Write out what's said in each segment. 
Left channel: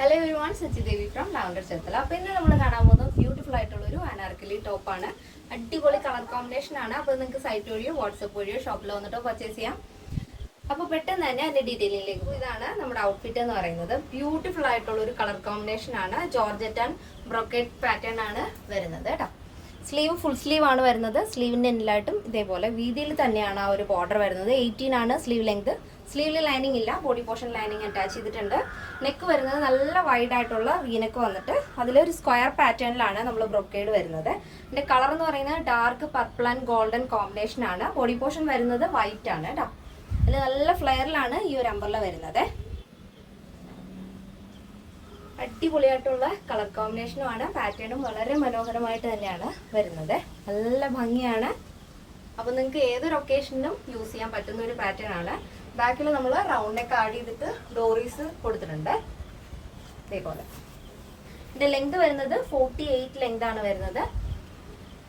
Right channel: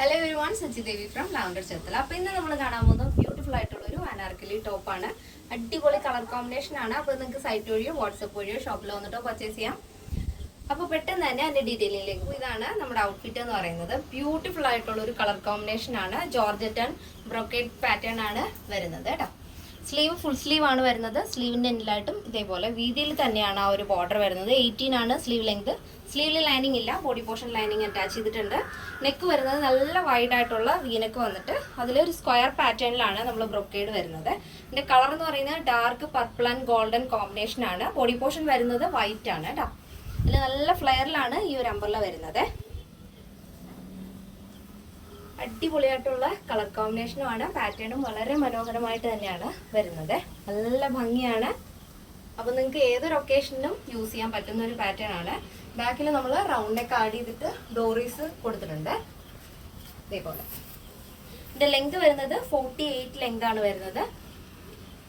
Hello everyone, Sachi Devi from lavender Cherthala. അപ്പോൾ ഇന്ന് നമ്മൾ കാണാൻ പോകുന്നത് ബ്യൂട്ടിഫുൾ ആയിട്ടുള്ള ഒരു അനാർക്കലി ടോപ്പാണ്. അടിപൊളി കളർ കോമ്പിനേഷൻ ആണ്. അപ്പോൾ നിങ്ങൾക്ക് സൈറ്റ് വഴിയോ വാട്സപ്പ് വഴിയോ ഷോപ്പിൽ വന്നിട്ടോ പർച്ചേസ് ചെയ്യാം. അപ്പോൾ പെട്ടെന്ന് തന്നെ അതിന്റെ ഡീറ്റെയിലിംഗിലേക്ക് പോകും. ഇതാണ് നമ്മുടെ ഔട്ട്ഫിറ്റ് എന്ന് പറയുന്നത്. ബ്യൂട്ടിഫുൾ ആയിട്ടുള്ള ഒരു കളർ കോമ്പിനേഷൻ ആണ്. ജോർജറ്റ് ആൻഡ് ബ്രോക്കേഡ് പാറ്റേൺ ആണ് വരുന്നത് കേട്ടോ. സ്ലീവ് ഫുൾ സ്ലീവ് ആണ് വരുന്നത്. സ്ലീവിന്റെ എൻഡിലായിട്ടും ഇതേപോലെ വീതിയിൽ തന്നെയാണ് ആ ഒരു ബോർഡർ വരുന്നത്. 18 ആണ് സ്ലീവ് ലെങ്ത്. സ്ലീവിൽ ലൈനിങ് ഇല്ല, ബോഡി പോർഷൻ ലൈനിങ് അറ്റാച്ച് ചെയ്തിട്ടുണ്ട്. നെക്ക് വരുന്നത് നല്ല വൈഡ് ആയിട്ടുള്ള വീനെക്ക് വന്നിട്ട് അതിലൊരു സ്ക്വയർ പാറ്റേണിലാണ് നമ്മൾ ബ്രൊക്കേഡ് വരുന്നത്. ഇതിന്റെ കളർ എന്ന് പറയുന്നത് dark purple and golden combination ആണ്. ബോഡി പോർഷൻ വരുന്നത് വൈറ്റ് ആണ് കേട്ടോ. അതിൽ നല്ല ഫ്ലെയറിലാണ് ഈ ഒരു അംബ്രല്ല വരുന്നത്. അടിപൊളിയായിട്ടുള്ള കളർ കോമ്പിനേഷനുമാണ്. പാറ്റേണും വളരെ മനോഹരമായിട്ട് തന്നെയാണ് വരുന്നത്. നല്ല ഭംഗിയാണ്. അപ്പൊ നിങ്ങൾക്ക് ഏതൊരു ഒക്കേഷനിലും യൂസ് ചെയ്യാൻ പറ്റുന്ന ഒരു പാറ്റേൺ ആണ്. ബാക്കിൽ നമ്മൾ റൗണ്ട് നെക്ക് ആഡ് ചെയ്തിട്ട് ഡോറീസ് കൊടുത്തിട്ടുണ്ട് ഇതേപോലെ. ഇതിന്റെ ലെങ്ത് വരുന്നത് 48 ലെങ്ത് ആണ് വരുന്നത്.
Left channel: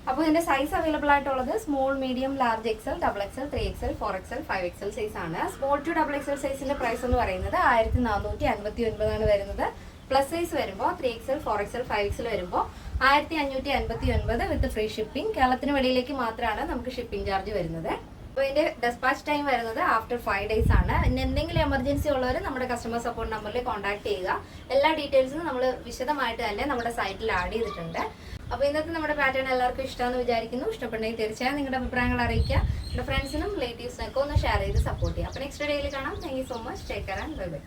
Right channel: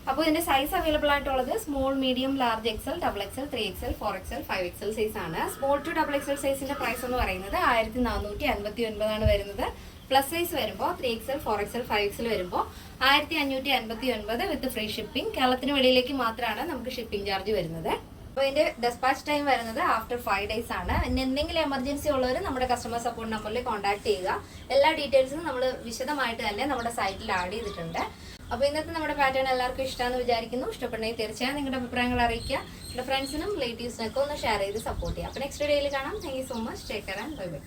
അപ്പോൾ ഇതിന്റെ സൈസ് അവൈലബിൾ ആയിട്ടുള്ളത് small, medium, large, XL, double XL, 3XL, 4XL, 5XL size ആണ്. സ്മോൾ ടു ഡബിൾ എക്സൽ സൈസിന്റെ പ്രൈസ് എന്ന് പറയുന്നത് 1459 ആണ് വരുന്നത്. പ്ലസ് സൈസ് വരുമ്പോൾ 3XL, 4XL, 5XL വരുമ്പോൾ 1559 വിത്ത് ഫ്രീ ഷിപ്പിംഗ്. കേരളത്തിന് വെളിയിലേക്ക് മാത്രമാണ് നമുക്ക് ഷിപ്പിംഗ് ചാർജ് വരുന്നത്. അപ്പോൾ ഇതിന്റെ ഡെസ്പാച്ച് ടൈം വരുന്നത് ആഫ്റ്റർ 5 days ആണ്. ഇനി എന്തെങ്കിലും എമർജൻസി ഉള്ളവർ നമ്മുടെ കസ്റ്റമർ സപ്പോർട്ട് നമ്പറിൽ കോൺടാക്ട് ചെയ്യുക. എല്ലാ ഡീറ്റെയിൽസും നമ്മൾ വിശദമായിട്ട് തന്നെ നമ്മുടെ സൈറ്റിൽ ആഡ് ചെയ്തിട്ടുണ്ട്. അപ്പോൾ ഇന്നത്തെ നമ്മുടെ പാറ്റേൺ എല്ലാവർക്കും ഇഷ്ടമാണെന്ന് വിചാരിക്കുന്നു. ഇഷ്ടപ്പെട്ടെങ്കിൽ തീർച്ചയായും നിങ്ങളുടെ അഭിപ്രായങ്ങൾ അറിയിക്കുക. നിങ്ങളുടെ ഫ്രണ്ട്സിനും റിലേറ്റീവ്സിനൊക്കെ ഒന്ന് ഷെയർ ചെയ്ത് സപ്പോർട്ട് ചെയ്യുക. അപ്പോൾ നെക്സ്റ്റ് വീഡിയോയിൽ കാണാം. Thank you so much. Take care and bye bye.